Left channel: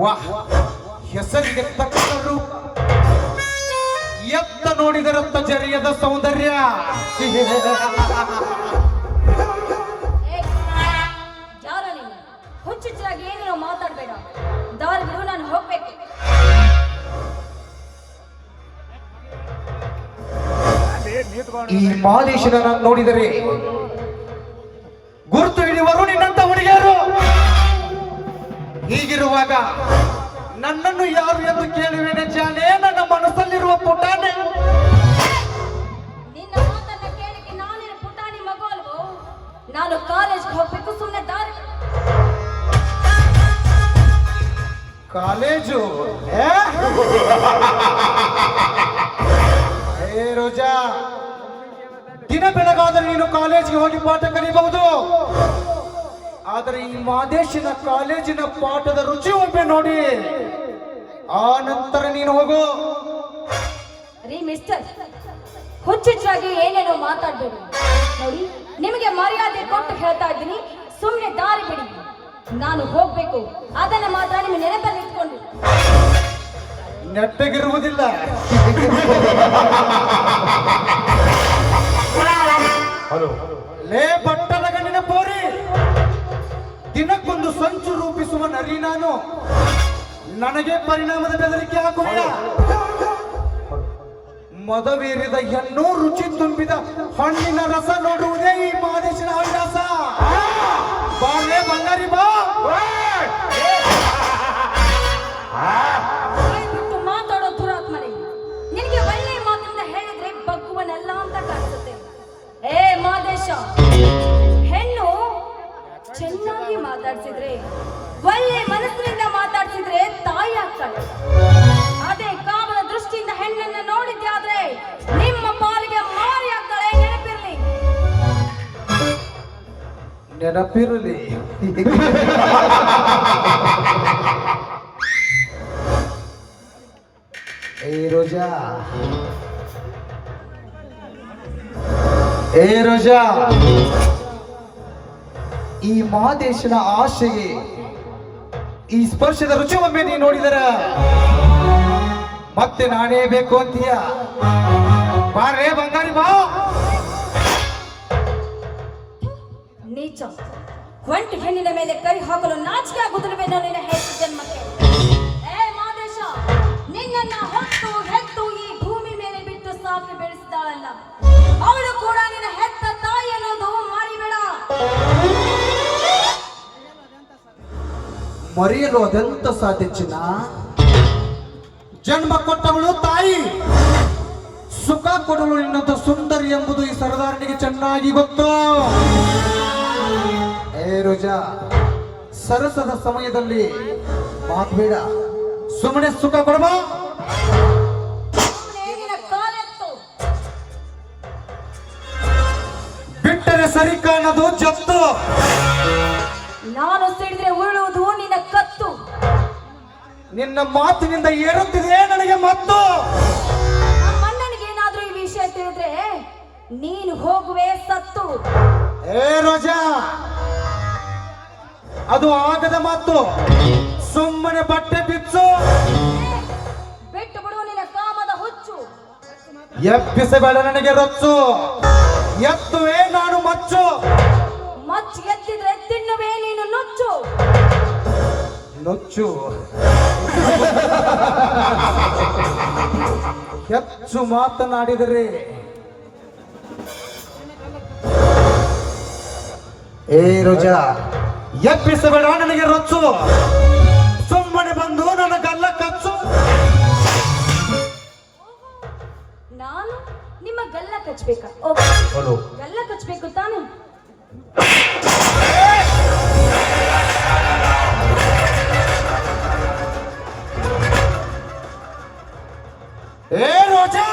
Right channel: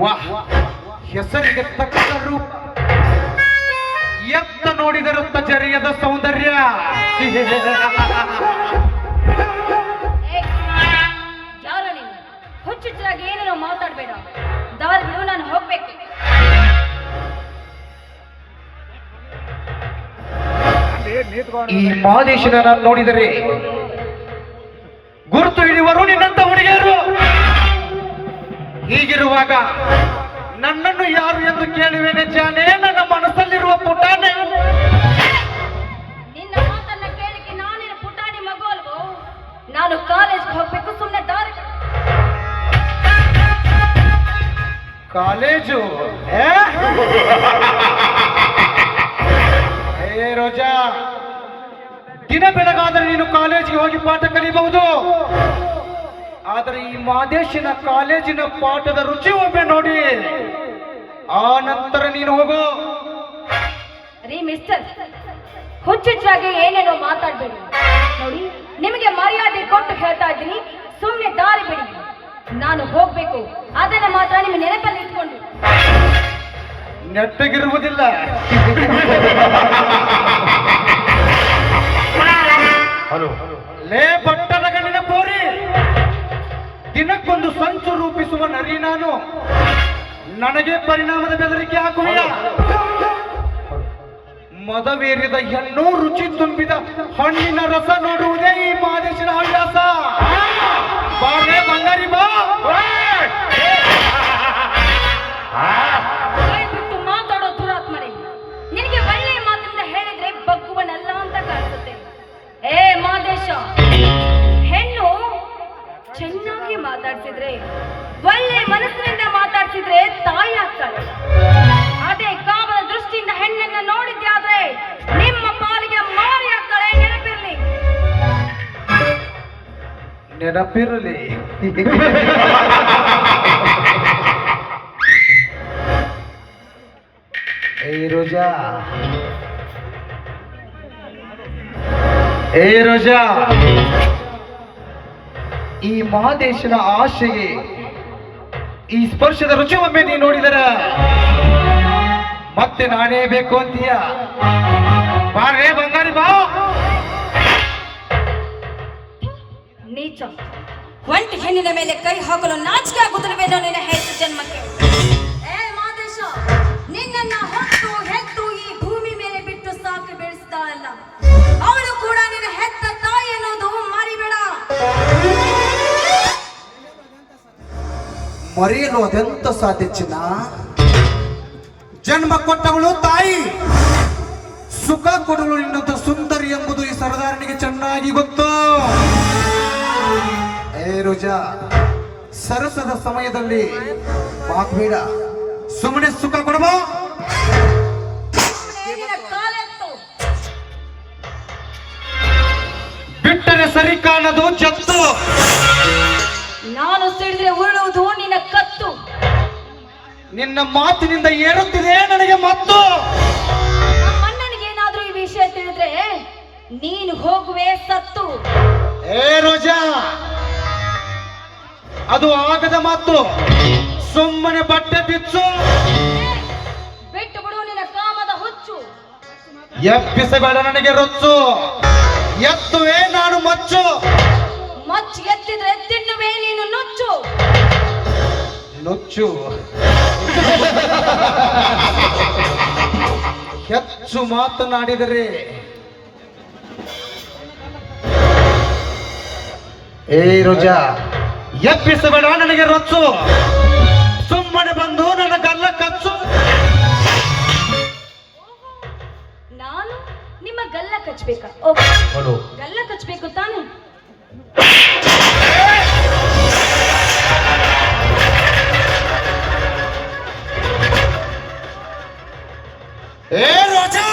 ವಾಹ್, ಹೆಸರಿಗೆ ತಕ್ಕ ರೂಪ, ಎತ್ತ ನೋಡಿದರತ್ತ ಜರಿಯದ ಸೌಂದರ್ಯ. ಹುಚ್ಚುಚ್ಚಾಗಿ ಏನೇನೋ ಮಾತಾಡ್ಬೇಡ, ದಾರಿ ಬಿಡು, ನಾನು ಹೋಗ್ಬೇಕು. ಈ ಮಾದೇಶನ ನೋಡಿದರೆ ಗುರುತು ಹಿಡಿಯುವರು ನಿನ್ನಂತ ಹುಡುಗಿಯರು. ಹೀಗಿರುವಾಗ ನನ್ನನ್ನು ಯಾರು ಎಂದು ಕೇಳುವೇನೆ ಜಾನೆ, ನನ್ನ ಮನಸ್ಸಲ್ಲಿರುವ ಪುಟಾಣೆ. ನಿನ್ನ ಮಾತನ್ನ ಕೇಳಿಕೆ ನಾನೇನು ಪುಟಾಣಿ ಮಗು ಅಲ್ವೋ? ನಾನು ಕಾಲೇಜ್ಗೆ ಹೋಗ್ಬೇಕು, ಸುಮ್ಮನೆ ದಾರಿ. ಕಾಲೇಜು? ಹೇ ರೋಜಾ, ದಿನ ಬೆಳಗಾದರೆ ನೀನು ಕಾಲೇಜಿಗೆ ಹೋಗಿ ಪಾಠ ಕಲಿಬಹುದು. ಆದರೆ ಈ ಮಾದೇಶಿನ ಕಾಲೇಜಿನ ಪಾಠದ ರುಚಿ ಒಮ್ಮೆ ನೋಡಿ, ಆ ನಂತರ ನೀನು ಹೋಗು. ರೀ ಮಿಸ್ಟರ್, ಹುಚ್ಚುಚ್ಚಾಗಿ ಏನೇನೋ ಮಾತಾಡ್ಬೇಡಿ. ನೋಡಿ, ನಿಮಗೆ ಮರ್ಯಾದೆ ಕೊಟ್ಟು ಹೇಳ್ತಾ ಇದ್ದೀನಿ, ಸುಮ್ಮನೆ ದಾರಿ ಬಿಡಿ, ನಾನು ಹೋಗ್ಬೇಕು. ಅದನ್ನ ಮಾತ್ರ ನಿಮ್ಮ ನೆನಪಲ್ಲಿ ಇಟ್ಕೊಂಡು. ನೆಟ್ಟಗಿರುವುದಿಲ್ಲ. ಲೇ ಪಟ್ಟಣ ಗಂಡಿನ ಪೋರಿ, ದಿನಕ್ಕೊಂದು ಸಂಚು ರೂಪಿಸುವ ನರಿ ನಾನು. ನನಗೆ ಪರಿಣಾಮದ ಬೆದರಿಕೆ ಹಾಕುವುದಿಲ್ಲ. ಮದವೇರಿದ ಹೆಣ್ಣು, ರುಚಿ ತುಂಬಿದ ಹಣ್ಣಿನ ರಸ ನೋಡುವುದೇ ಈ ಮಾದೇಶನ ಹವ್ಯಾಸ. ಬಾರೇ ಬಂಗಾರಿ ಬಾ. ಬಿಟ್ಟು ಮಾತಾಡೋ ದುರಾತ್ಮರೇ, ನಿನಗೆ ಒಳ್ಳೆ ಮಾತಿಂದ ಹೇಳಿದ್ರೆ ಬಗ್ಗುವನಲ್ಲ ಅಂತ ಕಾಣಿಸುತ್ತೆ. ಏ ಮಾದೇಶ, ಹೆಣ್ಣು ಚೆನ್ನಾಗಿ ಮಾತಾಡ್ಸಿದ್ರೆ, ಒಳ್ಳೆ ಮನಸ್ಸಿನಿಂದ ಮಾತಾಡ್ಸಿದ್ರೆ ತಾಯಿ ಆಗ್ತಾಳೆ. ಅದೇ ಕಾಮನ ದೃಷ್ಟಿಯಿಂದ ಹೆಣ್ಣನ್ನ ನೋಡಿದ್ಯಾದ್ರೆ ನಿಮ್ಮ ಪಾಲಿಗೆ ಮಾರಿ ಆಗ್ತಾಳೆ. ನೆನಪಿರಲಿ. ಏ ರೋಜಾ, ಏ ರೋಜಾ, ಈ ಮಹಾದೇಶನ ಆಶೆಗೆ ಈ ಸ್ಪರ್ಶದ ರುಚಿ ಒಮ್ಮೆ ನೀ ನೋಡಿದರ ಮತ್ತೆ ನಾನೇ ಬೇಕು ಅಂತೀಯ. ಬಾರೇ ಬಂಗಾರಿ ಬಾ. ನೀಚ, ಒಂಟಿ ಹೆಣ್ಣಿನ ಮೇಲೆ ಕೈ ಹಾಕಲು ನಾಚಿಕೆ ಆಗುತ್ತಿಲ್ಲವೇನೋ ನಿನ್ನ ಹೆಣ್ಣು ಜನ್ಮಕ್ಕೆ. ಏ ಮಾದೇಶ, ನಿನ್ನನ್ನ ಹೊತ್ತು ಹೆತ್ತು ಈ ಭೂಮಿ ಮೇಲೆ ಬಿಟ್ಟು ಸಾಕಿ ಬೆಳೆಸಿದಾಳಲ್ಲ, ಅವಳು ಕೂಡ ನಿನ್ನ ಹೆತ್ತ ತಾಯಿ ಅನ್ನೋದು ಮರಿಬೇಡ. ಮರೆಯಲು ಅದೆಂತ ಸಾಧ್ಯ ಚಿನ್ನ? ಜನ್ಮ ಕೊಟ್ಟವಳು ತಾಯಿ, ಸುಖ ಕೊಡಲು ನಿನ್ನಂತ ಸುಂದರಿ ಎಂಬುದು ಈ ಸರದಾರನಿಗೆ ಚೆನ್ನಾಗಿ ಗೊತ್ತು. ಏ ರೋಜಾ, ಸರಸದ ಸಮಯದಲ್ಲಿ ಮಾತಬೇಡ, ಸುಮ್ಮನೆ ಸುಖ ಕೊಡಬೋ. ಬಿಟ್ಟರೆ ಸರಿ ಕಾಣದು ಜತ್ತು. ನಾನು ಸಿಡಿದ್ರೆ ಉರುಳುವುದು ನಿನ್ನ ಕತ್ತು. ನಿನ್ನ ಮಾತಿನಿಂದ ಏರುತ್ತಿದೆ ನನಗೆ ಮತ್ತು. ಅಣ್ಣನಿಗೆ ಏನಾದ್ರೂ ಈ ವಿಷಯ ತಿಳಿದ್ರೆ ನೀನು ಹೋಗುವೆ ಸತ್ತು. ಏ ರೋಜಾ, ಅದು ಆಗದ ಮಾತು. ಸುಮ್ಮನೆ ಬಟ್ಟೆ ಬಿಚ್ಚು. ಬಿಟ್ಟು ಬಿಡು ನಿನ್ನ ಕಾಮದ ಹುಚ್ಚು. ಎಪ್ಪಿಸಬೇಡ ನನಗೆ ರೊಚ್ಚು. ಎತ್ತುವೆ ನಾನು ಮಚ್ಚು. ಮಚ್ಚು ಎತ್ತಿದ್ರೆ ತಿನ್ನುವೆ ನೀನು ನುಚ್ಚು. ನುಚ್ಚು ಹೆಚ್ಚು ಮಾತನಾಡಿದರೆ ಏ ರೋಜಾ, ಎಬ್ಬಿಸಬೇಡ ನನಗೆ ರೊಚ್ಚು. ಸುಮ್ಮನೆ ಬಂದು ನನ್ನ ಗಲ್ಲ ಕಚ್ಚು. ನಾನು ನಿಮ್ಮ ಗಲ್ಲ ಕಚ್ಚಬೇಕಾ? ಗಲ್ಲ ಕಚ್ಚಬೇಕು ತಾನೆ? ಏ ರೋಜಾ,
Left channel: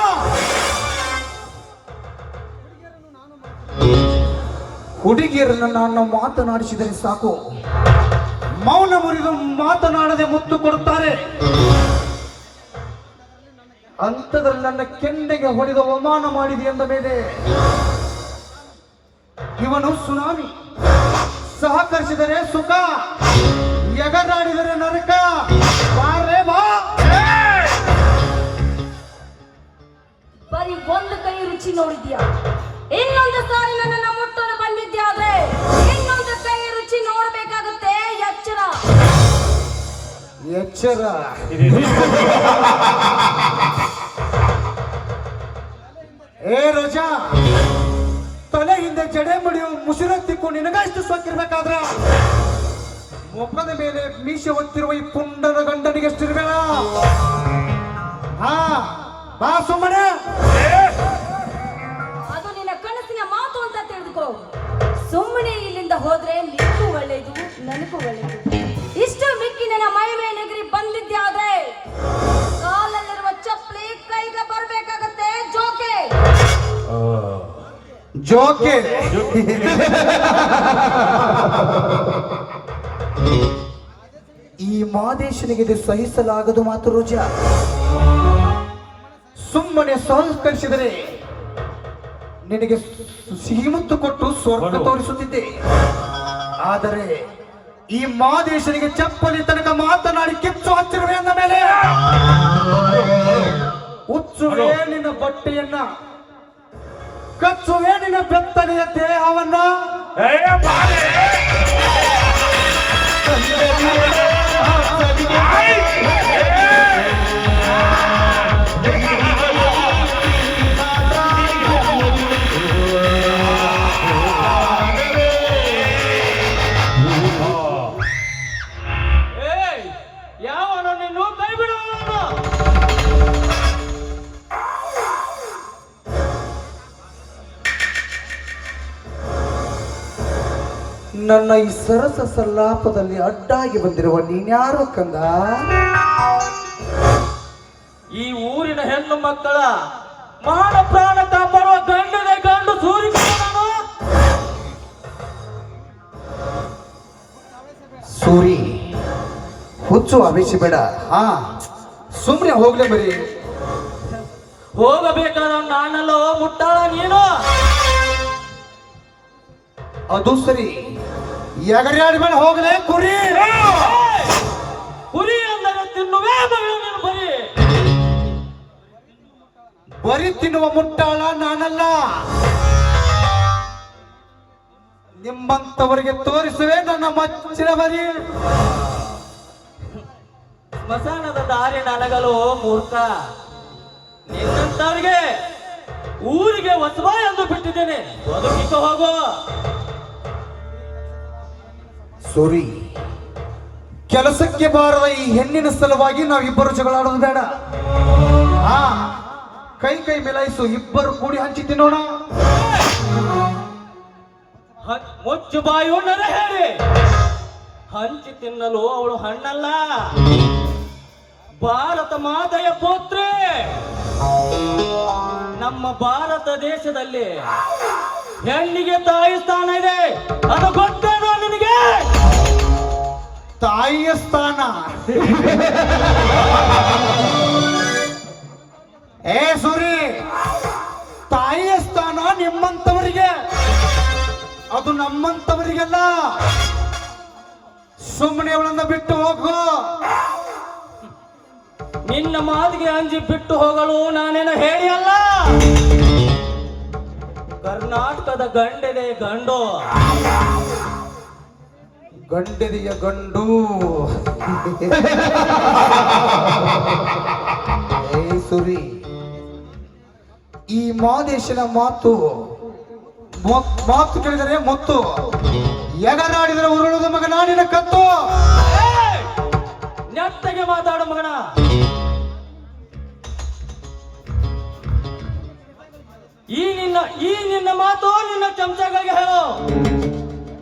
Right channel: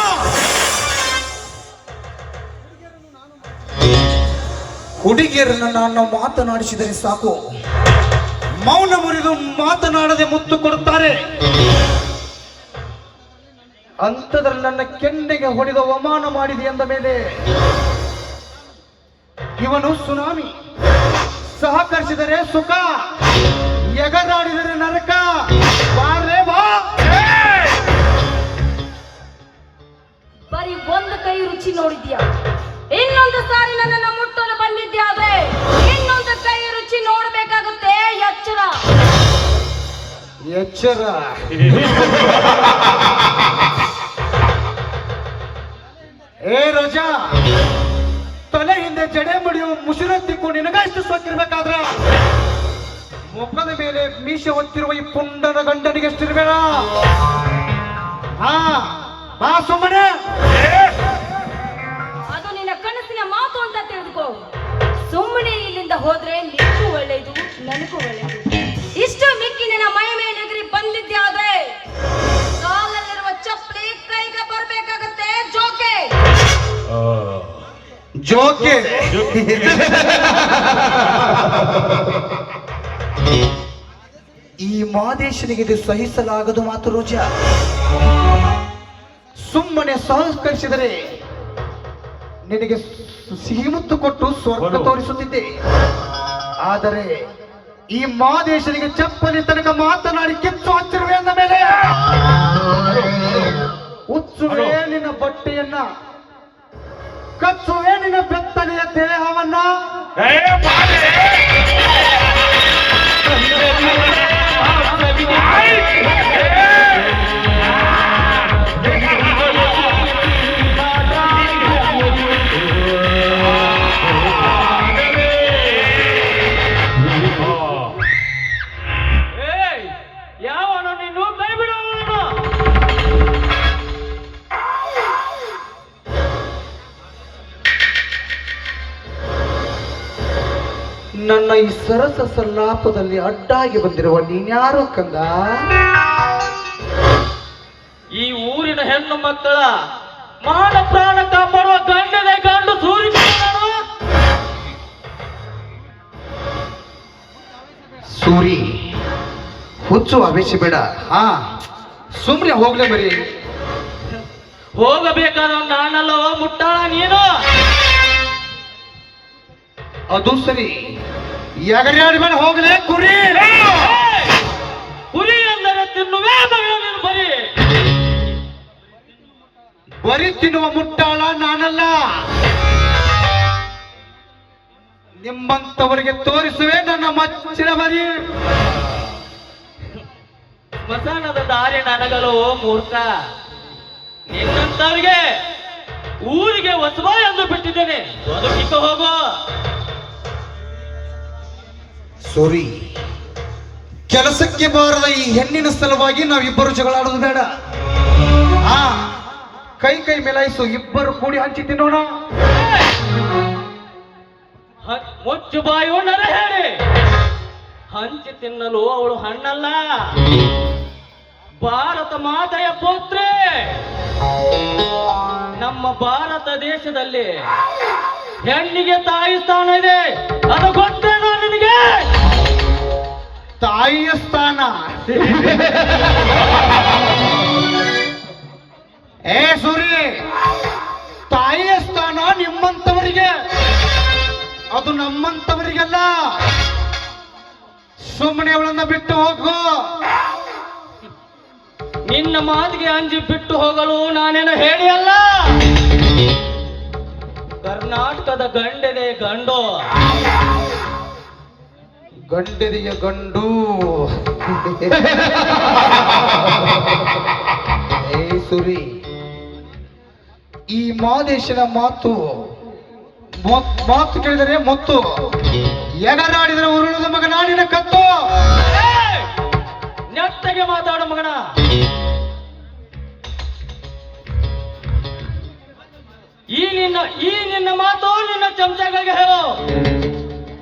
ಹುಡುಗಿಯರನ್ನು ನಾನು ಮಾತನಾಡಿಸಿದರೆ ಸಾಕು, ಮೌನ ಮುರಿದು ಮಾತನಾಡದೆ ಮುತ್ತು ಕೊಡುತ್ತಾರೆ. ಅಂಥದ್ರಲ್ಲಿ ನನ್ನ ಕೆನ್ನೆಗೆ ಹೊಡೆದ ಅವಮಾನ ಮಾಡಿದೆ ಎಂದ ಮೇಲೆ ಇವನು ಸುನಾಮಿ ಸಹಕರಿಸಿದರೆ ಸುಖ, ಎಗರಾಡಿದರೆ ನರಕ. ಬಾರ್ಲೆ ಬಾ. ಬರೀ ಒಂದು ಕೈ ರುಚಿ ನೋಡಿದ್ಯಾ, ಇನ್ನೊಂದು ಸಾರಿ ನನ್ನನ್ನು ಮುಟ್ಟಲು ಬಂದಿದ್ಯಾದ್ರೆ ಇನ್ನೊಂದು ಕೈ ರುಚಿ ನೋಡಬೇಕಾಗುತ್ತೆ. ಎಚ್ಚರ ಎಚ್ಚರ. ಏ ರೋಜಾ, ತಲೆ ಹಿಂದೆ ಜಡೆ ಮುಡಿಯು ಮುಸುರತ್ತಿಕ್ಕು ನಿನಗಷ್ಟು ಸೋಕಿರ್ಬೇಕಾದ್ರೆ ಮುಖದ ಮೇಲೆ ಮೀಸೆ ಹೊತ್ತಿರುವ ಈ ಪುಂಡನ ಗಂಡನಿಗೆ ಎಷ್ಟಿರ್ಬೇಡ. ಹಾ ಬಾ ಸುಮ್ಮನೆ. ಅದು ನಿನ್ನ ಕನಸಿನ ಮಾತು ಅಂತ ತಿಳಿದುಕೋ. ಸುಮ್ಮನೆ ಇಲ್ಲಿಂದ ಹೋದ್ರೆ ನಿನಗೂ ಒಳ್ಳೇದು, ನನಗೂ ಒಳ್ಳೇದು. ಇಷ್ಟು ಮಿಕ್ಕಿ ನನ್ನ ಮೈ ಮೇಲೆಗರಿ ಬಂದಿದ್ಯಾದ್ರೆ ಕಾಲಲ್ಲಿರುವ ಚಪ್ಪಲಿ ಕೈಗೆ ಬರ್ಬೇಕಾಗತ್ತೆ. ಜೋಕೆ ಜೋಕೆ. ಈ ಮಾದೇಶನಿಗೆ ಇದು ಸಹಿಸಲಾಗದು ಮಾತು ರೋಜಾ. ಸುಮ್ಮನೆ ಸಹಕರಿಸಿದರೆ ನಿನಗೆ ಸಿಹಿ ಮುತ್ತು ಕೊಟ್ಟು ಸ್ವರ್ಗ ತೋರಿಸುತ್ತಿದ್ದೆ. ಆದರೆ ಈ ಮಾದೇಶನಿಗೆ ಚಪ್ಪಲಿ ತನಕ ಮಾತನಾಡಿ ಕಿಚ್ಚು ಹಚ್ಚಿರುವೆ ಅಂದ ಮೇಲೆ ಉಚ್ಚುವೆ ನಿನ್ನ ಬಟ್ಟೆಯನ್ನ, ಕಚ್ಚುವೆ ನಿನ್ನ ಬೆತ್ತನೆಯ ದೇಹವನ್ನ. ಯಾವನು ನೀನು? ಕೈ ಬಿಡು. ನನ್ನ ಈ ಸರಸ ಸಲ್ಲಾಪದಲ್ಲಿ ಅಡ್ಡಾಗಿ ಬಂದಿರುವ ನೀನ್ಯಾರು ಕಂದ? ಈ ಊರಿನ ಹೆಣ್ಣು ಮಕ್ಕಳ ಮಾನ ಪ್ರಾಣ ಕಾಪಾಡುವ ಗಂಡನೇ ಗಂಡು ಸೂರಿ. ಸೂರಿ, ಹುಚ್ಚು ಅಭಿಷೇಬೇಡ. ಹಾ ಸುಮ್ನೆ ಹೋಗ್ಲೇ ಬರೀ. ಹೋಗಬೇಕಾದ ನಾನಲ್ಲೋ ಮುಟ್ಟಾಳ ನೀನು. ಅದು ಸರಿ, ಎಗರಾಡಿ ಮೇಲೆ ಹೋಗ್ಲೇ ಕುರಿ. ಕುರಿ ಅಂದರೆ ತಿನ್ನುವೇ ಮಗಳು ನೀನು. ಬರಿ ತಿನ್ನುವ ಮುಟ್ಟಾಳ ನಾನಲ್ಲ. ನಿಮ್ಮಂತವರಿಗೆ ತೋರಿಸುವೆ ನನ್ನ ಮಚ್ಚಿನ ಬರಿ. ಸ್ಮಶಾನದ ದಾರಿ ನನಗಲು ಮೂರ್ಖ. ನಿನ್ನಂತವರಿಗೆ ಊರಿಗೆ ಹೊಸಬ ಎಂದು ಬಿಟ್ಟಿದ್ದೇನೆ. ಬದುಕಿಕ ಹೋಗೋ. ಸೂರಿ, ಕೆಲಸಕ್ಕೆ ಬಾರದ ಈ ಹೆಣ್ಣಿನ ಸಲುವಾಗಿ ನಾವಿಬ್ಬರು ಜಗಳಾಡೋದು ಬೇಡ. ಹಾ ಕೈ ಕೈ ಮೇಲಾಯಿಸು, ಇಬ್ಬರು ಕೂಡಿ ಹಂಚಿ ತಿನ್ನೋಣ. ಮುಚ್ಚು ಬಾಯು ನರ ಹೇಳಿ. ಹಂಚಿ ತಿನ್ನಲು ಅವಳು ಹಣ್ಣಲ್ಲ, ಭಾರತ ಮಾತೆಯ ಪುತ್ರಿ. ನಮ್ಮ ಭಾರತ ದೇಶದಲ್ಲಿ ಹೆಣ್ಣಿಗೆ ತಾಯಿ ಸ್ಥಾನ ಇದೆ. ಅದು ಗೊತ್ತೇನೋ ನಿನಗೆ? ತಾಯಿಯ ಸ್ಥಾನ? ಏ ಸೂರಿ, ತಾಯಿಯ ಸ್ಥಾನ ನಿಮ್ಮಂತವರಿಗೆ, ಅದು ನಮ್ಮಂತವರಿಗೆಲ್ಲ. ಸುಮ್ಮನೆ ಅವಳನ್ನ ಬಿಟ್ಟು ಹೋಗು. ನಿನ್ನ ಮಾತಿಗೆ ಅಂಜಿ ಬಿಟ್ಟು ಹೋಗಲು ನಾನೇನು ಹೇಳಿ ಅಲ್ಲ. ಕರ್ನಾಟಕದ ಗಂಡೆದೆ ಗಂಡು. ಗಂಡೆದೆಯ ಗಂಡು. ಏ ಸುರಿ, ಈ ಮಾದೇಶನ ಮಾತು ಕೇಳಿದರೆ ಮುತ್ತು, ಎಗರಾಡಿದರೆ ಉರುಳದ ಮಗ ನಾಡಿನ ಕತ್ತು. ನೆಟ್ಟಗೆ ಮಾತಾಡು ಮಗನ. ಈ ನಿನ್ನ ಮಾತು ನಿನ್ನ ಚಮಚಗಳಿಗೆ ಹೇಳು.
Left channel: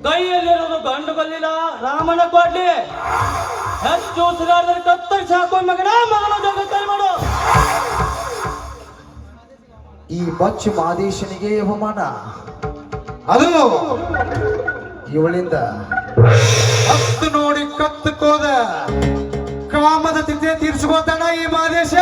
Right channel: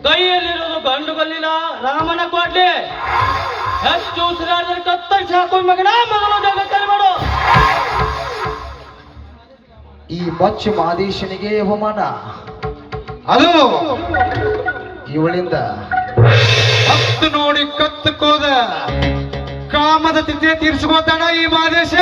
ಕೈಯಲ್ಲಿರುವುದು ಗಂಡು ಗಲ್ಲಿನ ರಾಮನ ಕೊಡ್ಲಿ. ಹೆಚ್ಚು ಉಸಿರಾಡಿದರೆ ಕತ್ತರಿಸಿ ಹಾಕೋ ಮಗನ. ಮಗನ ಜಗತ್ತೈ ಮಾಡು. ಈ ಮಚ್ಚು ಮಾದೇಶನಿಗೆ ಅವಮಾನ. ಅದು ಇವಳಿಂದ ಹತ್ತು ನೋಡಿ ಕತ್ತುಕೋದ ಕಾಮದ ತಿಥಿ ತೀರ್ಸ್ಕೋತಾನ ಈ ಮಾದೇಶ.